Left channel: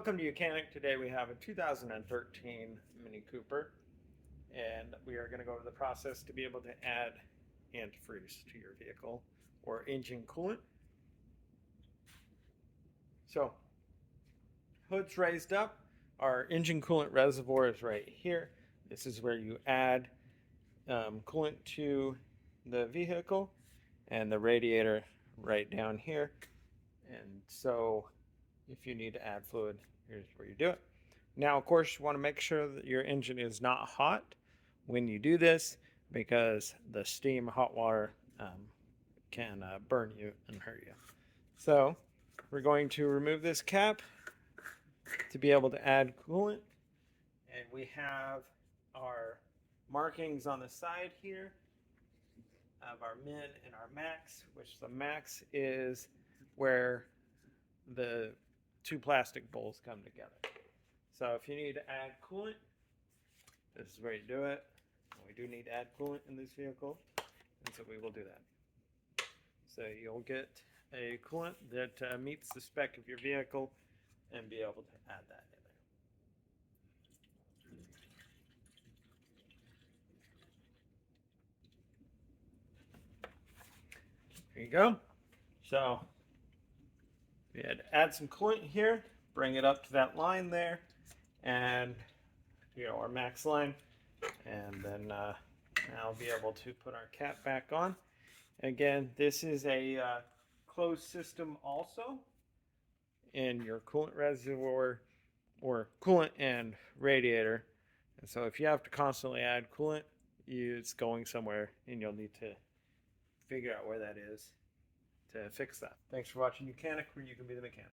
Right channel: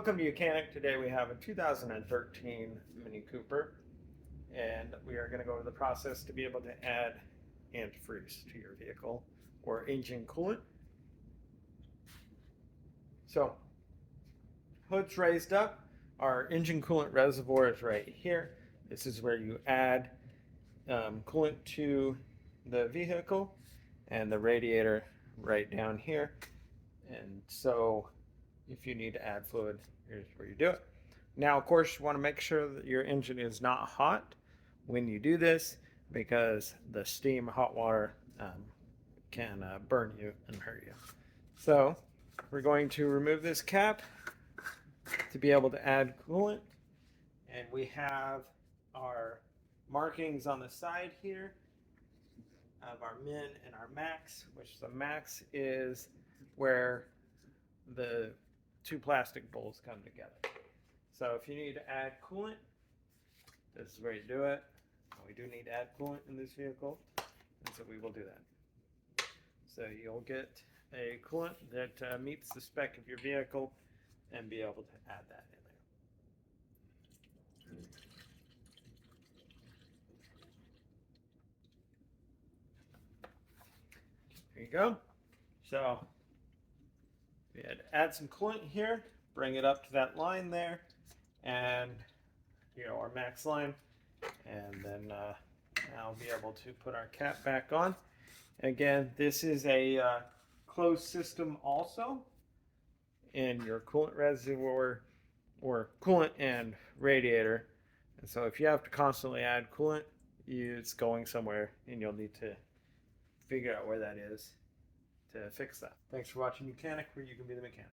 Welcome to Mechanic. Today we have a 2013 Mini Cooper, and we are going to go over the process to be able to add antifreeze to your vehicle or engine coolant. So, hood's raised up. Our engine coolant reservoir is right here. This is where you add coolant to the vehicle, and the radiator right down here. And so if you need to add fluid, here's where you do it. Now, of course, you want to make sure that your engine is not hot when you do this, because the steam hot water can burn you and hurt you. So we're going to remove this cap to be able to add coolant, and we have our markings on the side here of our min and our max, which the max is where the two plastic bowls come together. So if you need to add coolant, this is where you do it. We do need to add coolant in this vehicle, and so we will do that. So you'll get a coolant that meets the spec of your vehicle and be able to add that in there. There you go. So we had to add some coolant here, bring it up to that line there, and our max line, and then now be able to put our cap back on. Again, this is a closed system also in your coolant reservoir or coolant and radiator, and so if you have to constantly add coolant, it's going somewhere and you'll need to figure out where that is to fix that. Thanks for watching Mechanic, where you can be the mechanic.